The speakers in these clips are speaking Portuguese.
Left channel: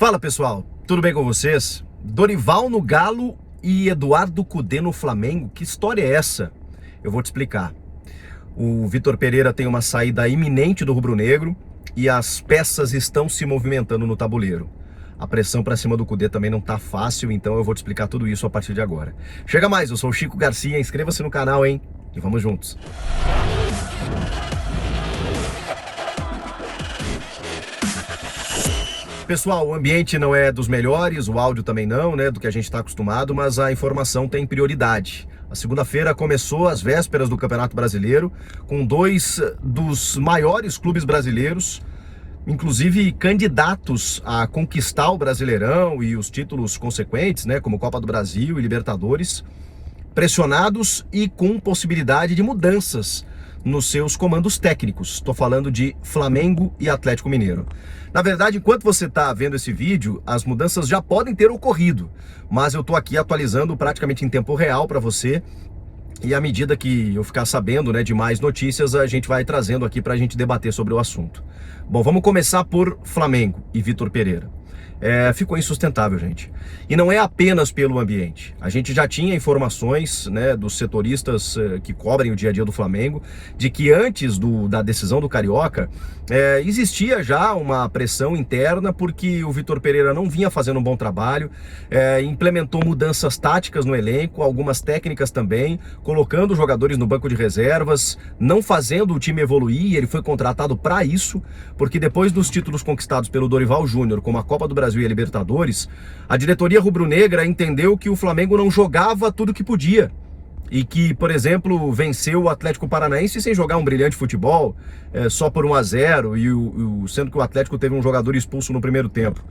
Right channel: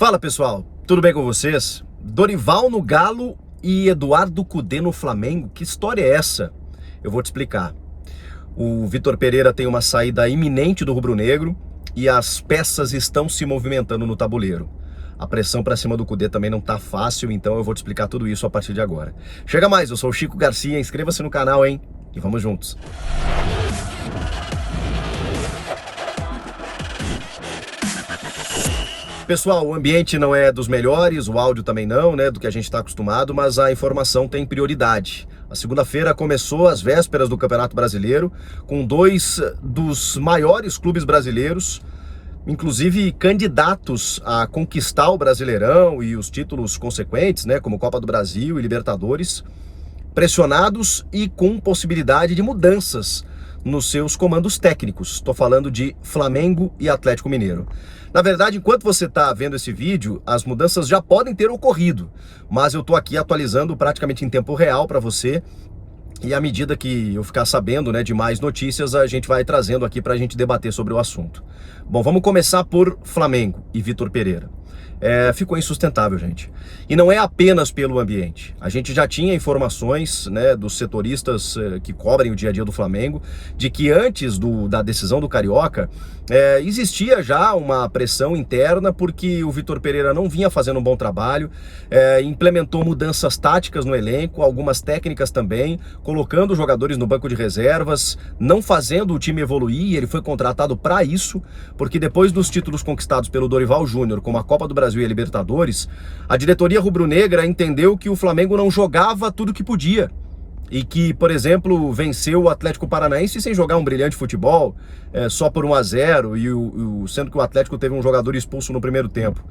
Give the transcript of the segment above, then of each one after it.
Fala pessoal, tudo bem com vocês? Dorival no Galo e Eduardo Cudê no Flamengo, que história é essa? Eu vou te explicar. O Vitor Pereira tem uma saída iminente do rubro-negro e as peças estão se movimentando no tabuleiro. A pressão para cima do Cudê também não tá fácil, então eu vou te explicar tudo isso a partir de agora. Chega mais, eu sou o Chico Garcia, inscreva-se no canal, hein? E vamos juntos. Pessoal, o ambiente não é dos melhores, o áudio também não, né, do que a gente está acostumado, mas a informação tem prioridade. A segunda-feira começou às vésperas do Campeonato Brasileiro, com dois dos maiores clubes brasileiros, inclusive candidatos a conquistar o Brasileirão e os títulos consequentes, né, como Copa do Brasil e Libertadores, pressionados e com possibilidade de mudanças nos seus comandos técnicos. Estou falando de Flamengo e Atlético Mineiro. Na verdade, enquanto você está vendo esse vídeo, as mudanças já podem ter ocorrido, mas eu estou aqui atualizando praticamente em tempo real para você, e à medida que eu ficar sabendo, né, de mais notícias, a gente vai trazendo aqui para a gente debater sobre o assunto. Bom, vamos começar por Flamengo e Vitor Pereira. Ficou insustentável, gente. E não é apenas pelo ambiente. A gente já tinha informações, né, dos setoristas que cobrem o dia a dia do Flamengo, de que antes da decisão do Carioca, existia já uma pressão interna, porque o Vitor Pereira não vinha fazendo um bom trabalho, implementou mudanças táticas no elenco, algumas técnicas também, colocando jogadores no banco de reservas, não fazendo o time evoluir. Ele foi contratado para isso, porque depois dos títulos conquistados pelo Dorival Júnior, como a Copa do Brasil e a Libertadores, a diretoria rubro-negra entendeu que o Flamengo não jogava tudo que podia. E que, por exemplo, venceu o Atlético Paranaense sem jogar um brilhante futebol, só por 1-0, sendo que o Atlético teve um jogador expulso no primeiro tempo.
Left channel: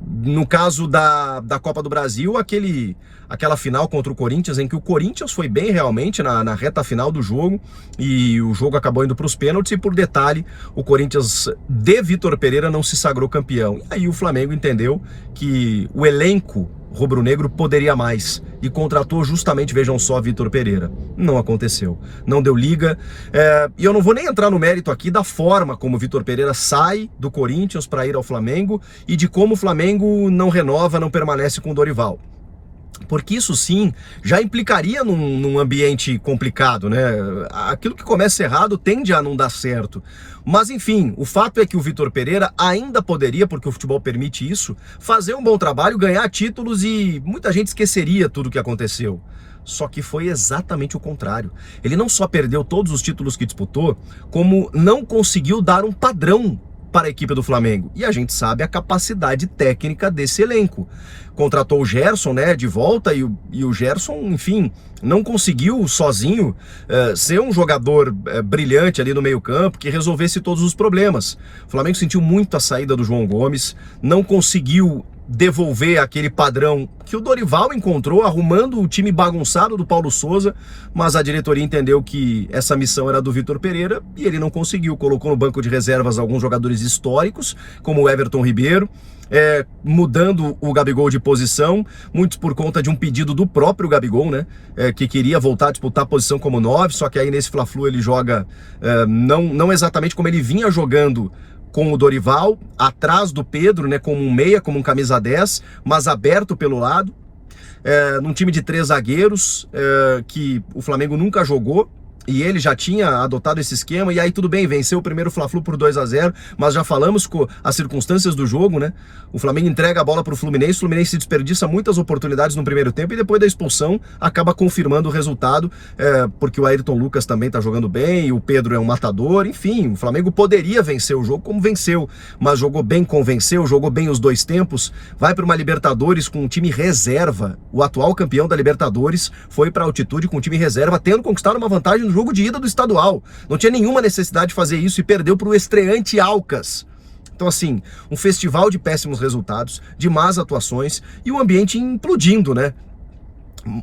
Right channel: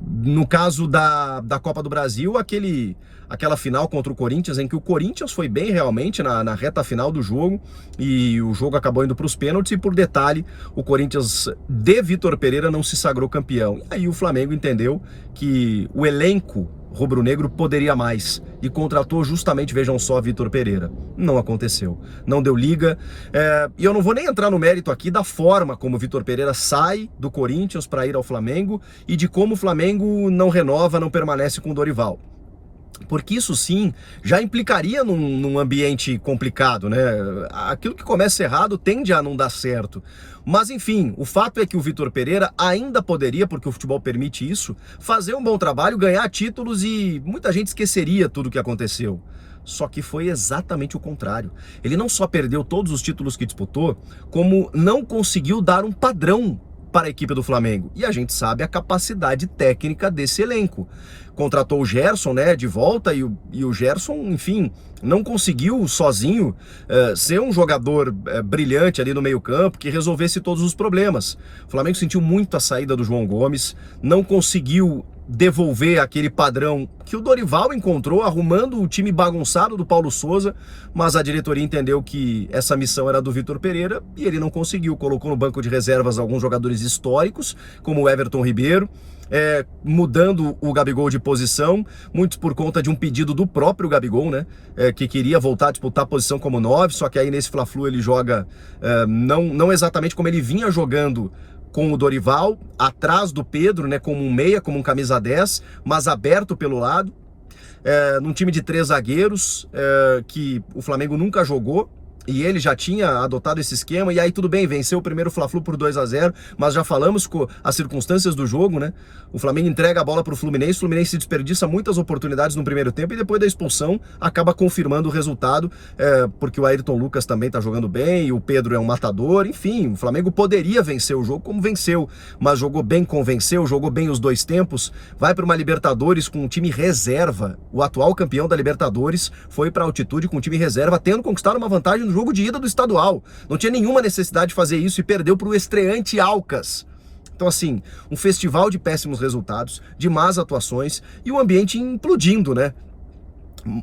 No caso da Copa do Brasil, aquela final contra o Corinthians, em que o Corinthians foi bem realmente na reta final do jogo, e o jogo acabou indo para os pênaltis, e por detalhe, o Corinthians de Vitor Pereira não se sagrou campeão. E aí o Flamengo entendeu que o elenco rubro-negro poderia mais e contratou justamente, vejam só, Vitor Pereira. Não aconteceu, não deu liga, e eu não vou nem entrar no mérito aqui da forma como o Vitor Pereira sai do Corinthians para ir ao Flamengo e de como o Flamengo não renova, não permanece com o Dorival. Porque isso sim já implicaria num ambiente complicado, né? Aquilo que começa errado tende a não dar certo. Mas enfim, o fato é que o Vitor Pereira ainda poderia, porque o futebol permite isso, fazer um bom trabalho, ganhar títulos, e muita gente esqueceria tudo o que aconteceu. Só que foi exatamente o contrário. Ele não só perdeu todos os títulos que disputou, como não conseguiu dar um padrão para a equipe do Flamengo. E a gente sabe a capacidade técnica desse elenco. Contratou o Gerson, né, de volta, e o Gerson, enfim, não conseguiu sozinho ser um jogador brilhante ali no meio-campo, que resolvesse todos os problemas. O Flamengo sentiu muito a saída do João Gomes, não conseguiu devolver aquele padrão que o Dorival encontrou arrumando o time bagunçado do Paulo Souza, mas a diretoria entendeu que essa missão era do Vitor Pereira e ele não conseguiu. Colocou no banco de reservas alguns jogadores históricos, como o Everton Ribeiro, mudando o Gabigol de posição, muitos por conta de um pedido do próprio Gabigol, né, que queria voltar a disputar a posição como 9, só que aí nesse Fla-Flu ele joga não exatamente como ele vinha jogando com o Dorival, atrás do Pedro, né, como um meia, como um camisa 10, mas aberto pelo lado, num time de 3 zagueiros, que o Flamengo nunca jogou, e ele já tinha adotado esse esquema. E aí tudo bem, venceu o primeiro Fla-Flu por 2-0, mas já falamos com as circunstâncias do jogo, né? O Flamengo entrega a bola para o Fluminense desperdiça muitas oportunidades no primeiro tempo, e depois da expulsão acaba confirmando o resultado, porque o Ayrton Lucas também está jogando bem, e o Pedro é um matador. Enfim, o Flamengo poderia vencer o jogo como venceu, mas jogou bem, convenceu, jogou bem os dois tempos, vai para uma Libertadores com um time reserva. O atual campeão da Libertadores foi para a altitude com um time reserva, tendo conquistado uma vantagem no jogo de ida do estadual. Não tinha nenhuma necessidade de fazer isso e perdeu para o estreante Alcas. Então assim, um festival de péssimos resultados, de más atuações e o ambiente implodindo, né?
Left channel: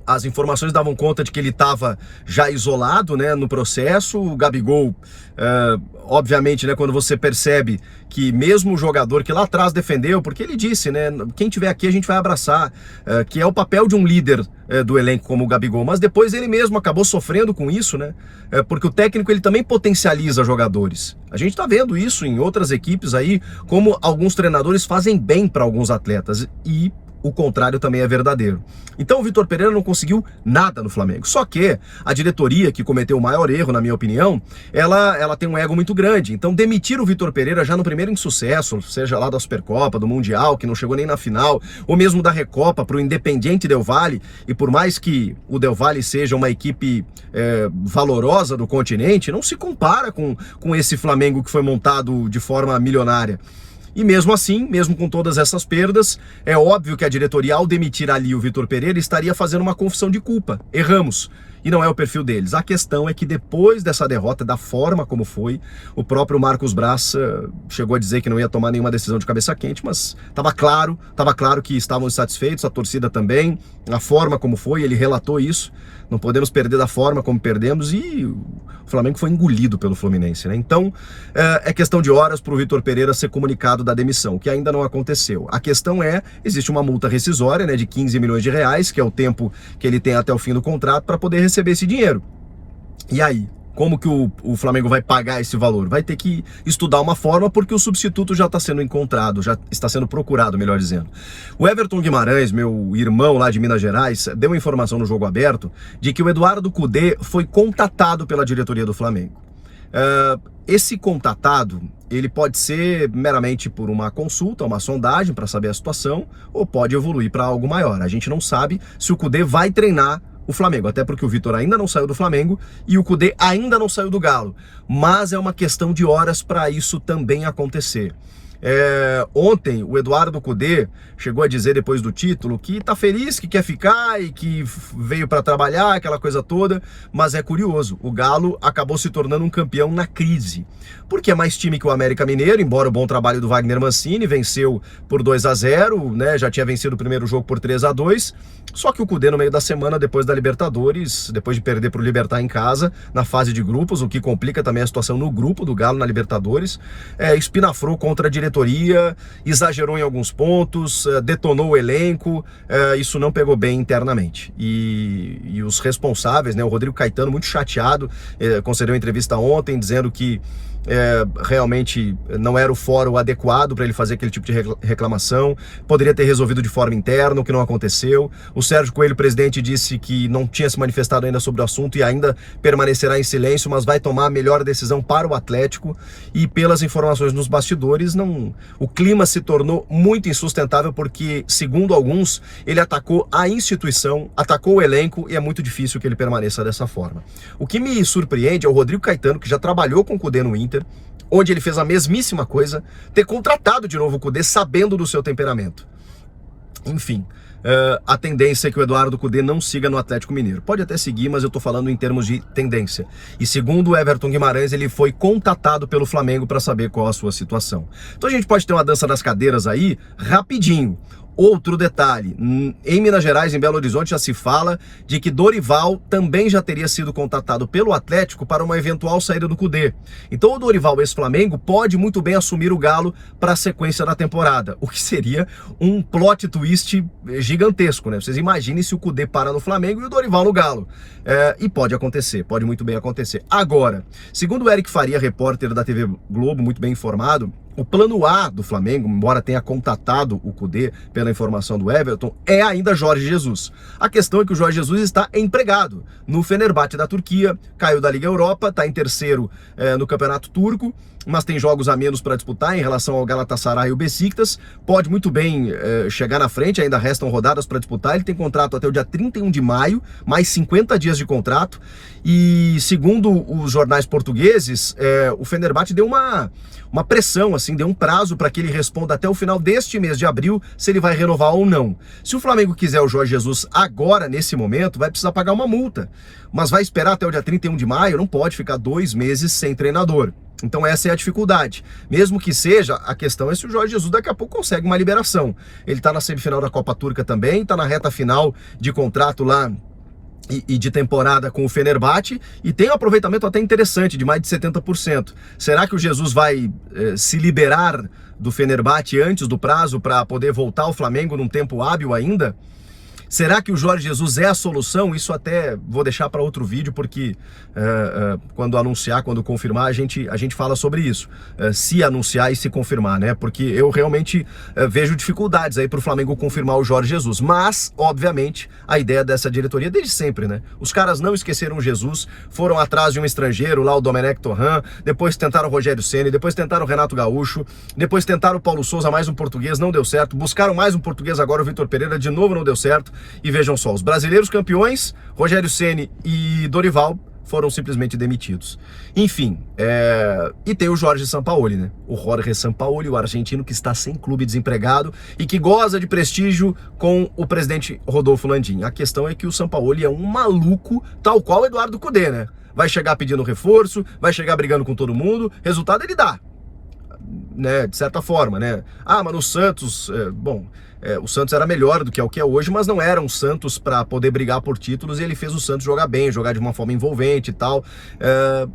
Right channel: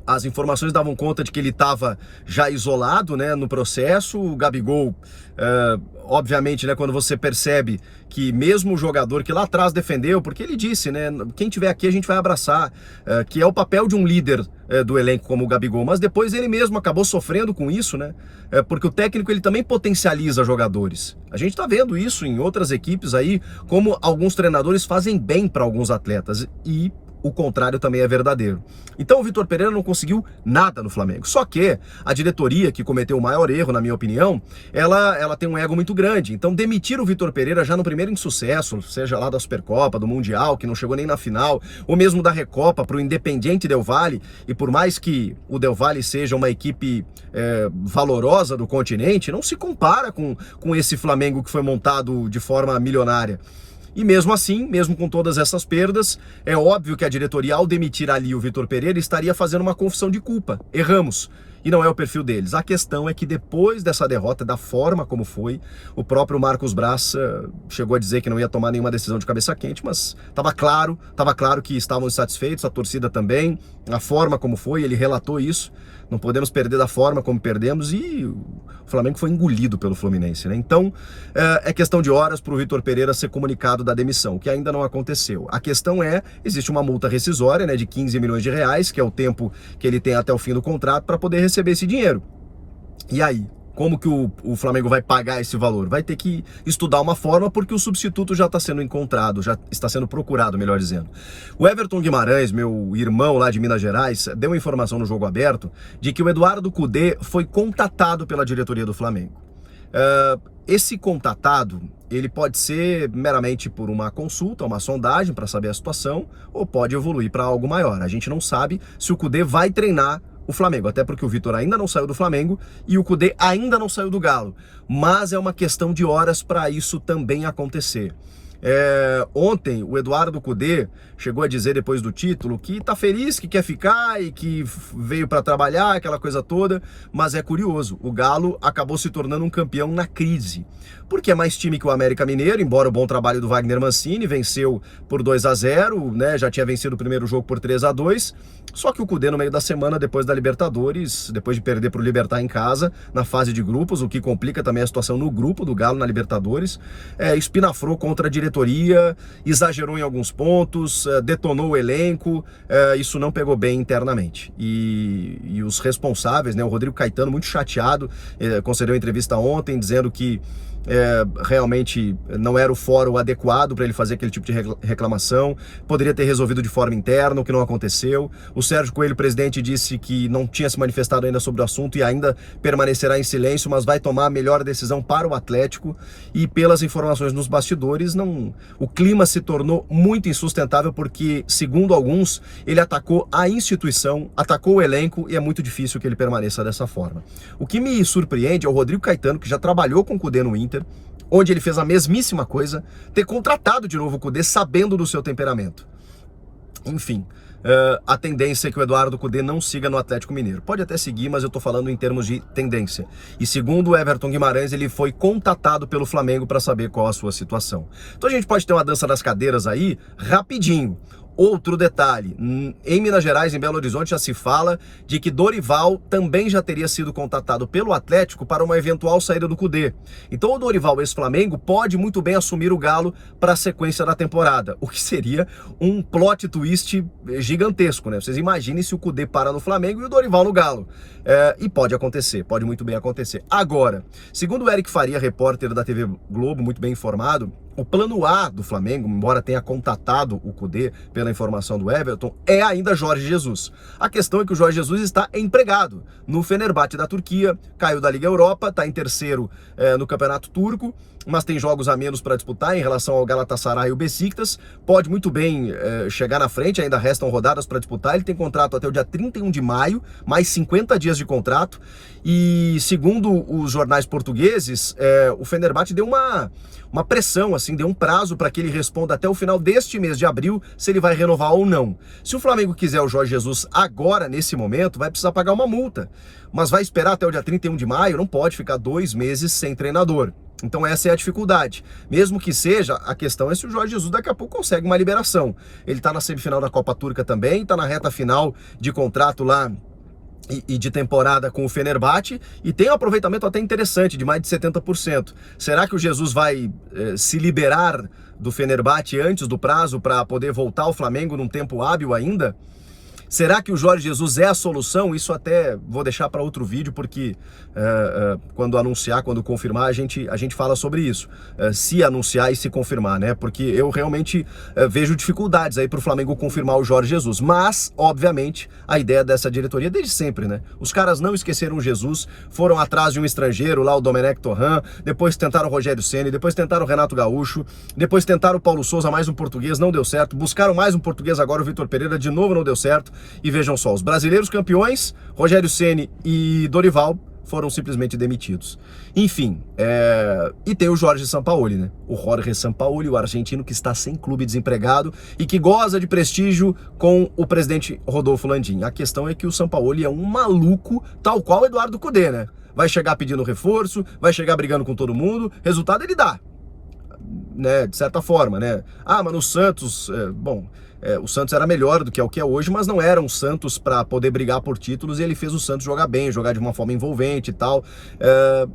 As informações davam conta de que ele estava já isolado, né, no processo. O Gabigol, obviamente, né, quando você percebe que mesmo o jogador que lá atrás defendeu, porque ele disse, né, quem tiver aqui a gente vai abraçar, que é o papel de um líder do elenco como o Gabigol, mas depois ele mesmo acabou sofrendo com isso, né, porque o técnico ele também potencializa jogadores. A gente está vendo isso em outras equipes aí, como alguns treinadores fazem bem para alguns atletas, e o contrário também é verdadeiro. Então o Vitor Pereira não conseguiu nada no Flamengo. Só que a diretoria, que cometeu o maior erro, na minha opinião, ela tem um ego muito grande. Então demitir o Vitor Pereira já no primeiro insucesso, seja lá da Supercopa, do Mundial, que não chegou nem na final, ou mesmo da Recopa para o Independiente Del Valle, e por mais que o Del Valle seja uma equipe valorosa do continente, não se compara com esse Flamengo que foi montado de forma milionária. E mesmo assim, mesmo com todas essas perdas, é óbvio que a diretoria, ao demitir ali o Vitor Pereira, estaria fazendo uma confissão de culpa. Erramos. E não é o perfil deles. A questão é que depois dessa derrota, da forma como foi, o próprio Marcos Braz chegou a dizer que não ia tomar nenhuma decisão de cabeça quente, mas estava claro que estavam insatisfeitos, a torcida também, a forma como foi, ele relatou isso. Não podemos perder da forma como perdemos, e o Flamengo foi engolido pelo Fluminense, né? Então, é questão de horas para o Vitor Pereira ser comunicado da demissão, que ainda não aconteceu. A questão existe uma multa rescisória, né, de 15 milhões de reais, que é o tempo que ele tem até o fim do contrato para poder receber esse dinheiro. E aí? Como que o Flamengo vai pagar esse valor? Vai ter que estudar uma forma, porque o substituto já está sendo encontrado, já está sendo procurado, melhor dizendo. O Everton Guimarães, meu irmão lá de Minas Gerais, deu uma informação no Jogo Aberto de que o Eduardo Cudê foi contatado pela diretoria do Flamengo. Esse contatado, ele pode ser meramente por uma consulta, uma sondagem para saber a situação, ou pode evoluir para algo maior. A gente não sabe se o Cudê vai treinar o Flamengo, até porque o Vitor ainda não saiu do Flamengo e o Cudê ainda não saiu do Galo, mas é uma questão de horas para isso também acontecer. Ontem o Eduardo Cudê chegou a dizer depois do título que tá feliz, que quer ficar e que veio para trabalhar, aquela coisa toda, mas é curioso, o Galo acabou se tornando um campeão na crise, porque é mais time que o América Mineiro, embora o bom trabalho do Wagner Mancini, venceu por 2-0, né, já tinha vencido o primeiro jogo por 3-2, só que o Cudê no meio da semana, depois da Libertadores, depois de perder para o Libertad em casa, na fase de grupos, o que complica também a situação no grupo do Galo na Libertadores, espinafrou contra a diretoria, exagerou em alguns pontos, detonou o elenco, isso não pegou bem internamente. E os responsáveis, né, o Rodrigo Caetano, muito chateado, concedeu uma entrevista ontem dizendo que realmente não era o fórum adequado para ele fazer aquele tipo de reclamação, poderia ter resolvido de forma interna, o que não aconteceu. O Sérgio Coelho, presidente, disse que não tinha se manifestado ainda sobre o assunto e ainda permanecerá em silêncio, mas vai tomar a melhor decisão para o Atlético. E pelas informações nos bastidores, o clima se tornou muito insustentável, porque, segundo alguns, ele atacou a instituição, atacou o elenco, e é muito difícil que ele permaneça dessa forma. O que me surpreende é o Rodrigo Caetano, que já trabalhou com o Cudê no Inter, onde ele fez a mesmíssima coisa, ter contratado de novo o Cudê sabendo do seu temperamento. Enfim, a tendência é que o Eduardo Cudê não siga no Atlético Mineiro. Pode até seguir, mas eu tô falando em termos de tendência. E segundo o Everton Guimarães, ele foi contatado pelo Flamengo para saber qual a sua situação. Então a gente pode ter uma dança das cadeiras aí, rapidinho. Outro detalhe, em Minas Gerais, em Belo Horizonte, já se fala de que Dorival também já teria sido contatado pelo Atlético para uma eventual saída do Cudê. Então o Dorival, ex-Flamengo, pode muito bem assumir o Galo para a sequência da temporada, o que seria um plot twist gigantesco, né? Vocês imaginem se o Cudê para no Flamengo e o Dorival no Galo. E pode acontecer, pode muito bem acontecer. Agora, segundo o Eric Faria, repórter da TV Globo, muito bem informado, o plano A do Flamengo, embora tenha contatado o Cudê pela informação do Everton, é ainda Jorge Jesus. A questão é que o Jorge Jesus está empregado no Fenerbahçe da Turquia, caiu da Liga Europa, está em terceiro no Campeonato Turco, mas tem jogos a menos para disputar em relação ao Galatasaray e o Besiktas, pode muito bem chegar na frente, ainda restam rodadas para disputar, ele tem contrato até o dia 31 de maio, mais 50 dias de contrato, e segundo os jornais portugueses, o Fenerbahçe deu uma pressão, assim, deu um prazo para que ele responda até o final deste mês de abril se ele vai renovar ou não. Se o Flamengo quiser o Jorge Jesus agora, nesse momento, vai precisar pagar uma multa, mas vai esperar até o dia 31 de maio, não pode ficar 2 meses sem treinador. Então essa é a dificuldade. Mesmo que seja, a questão é se o Jorge Jesus daqui a pouco consegue uma liberação. Ele está na semifinal da Copa Turca também, está na reta final de contrato lá e de temporada com o Fenerbahçe, e tem um aproveitamento até interessante, de mais de 70%. Será que o Jesus vai se liberar do Fenerbahçe antes do prazo para poder voltar ao Flamengo num tempo hábil ainda? Será que o Jorge Jesus é a solução? Isso até vou deixar para outro vídeo, porque quando anunciar, quando confirmar, a gente fala sobre isso. Se anunciar e se confirmar, né? Porque eu realmente vejo dificuldades aí para o Flamengo confirmar o Jorge Jesus. Mas, obviamente, a ideia dessa diretoria desde sempre, né? Os caras não esqueceram o Jesus, foram atrás de um estrangeiro, lá o Domenech Torrent, depois tentaram o Rogério Ceni, depois tentaram o Renato Gaúcho, depois tentaram o Paulo Souza, mais um português, não deu certo. Buscaram mais um português agora, o Vitor Pereira, de novo não deu certo. E vejam só, os brasileiros campeões, Rogério Ceni e Dorival, foram simplesmente demitidos. Enfim, e tem o Jorge Sampaoli, né? O Jorge Sampaoli, o argentino que está sem clube, desempregado e que goza de prestígio com o presidente Rodolfo Landim. A questão é que o Sampaoli é um maluco, tal qual o Eduardo Cudê, né? Vai chegar pedindo reforço, vai chegar brigando com todo mundo, resultado ele dá, né? De certa forma, né? Ah, mas no Santos, o Santos era melhor do que é o que é hoje, mas não era um Santos para poder brigar por títulos, e ele fez o Santos jogar bem, jogar de uma forma envolvente e tal.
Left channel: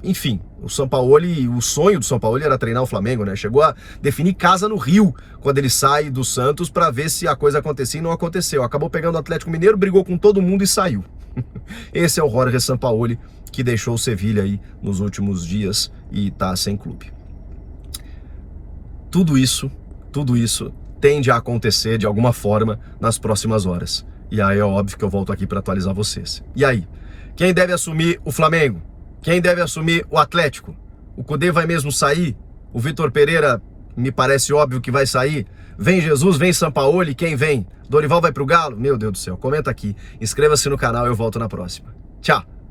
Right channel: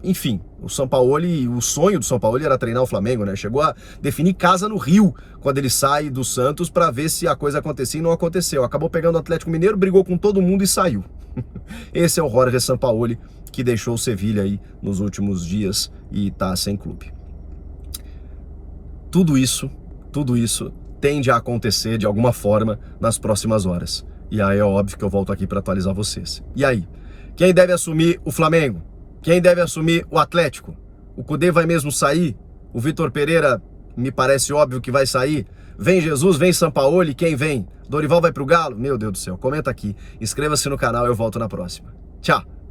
Enfim, o Sampaoli, o sonho do Sampaoli era treinar o Flamengo, né? Chegou a definir casa no Rio quando ele sai do Santos para ver se a coisa acontecia, e não aconteceu. Acabou pegando o Atlético Mineiro, brigou com todo mundo e saiu. Esse é o Jorge Sampaoli, que deixou o Sevilha aí nos últimos dias e tá sem clube. Tudo isso tende a acontecer de alguma forma nas próximas horas. E aí é óbvio que eu volto aqui para atualizar vocês. E aí? Quem deve assumir o Flamengo? Quem deve assumir o Atlético? O Cudê vai mesmo sair? O Vitor Pereira me parece óbvio que vai sair. Vem Jesus, vem Sampaoli, quem vem? Dorival vai pro Galo? Meu Deus do céu, comenta aqui. Inscreva-se no canal, eu volto na próxima. Tchau!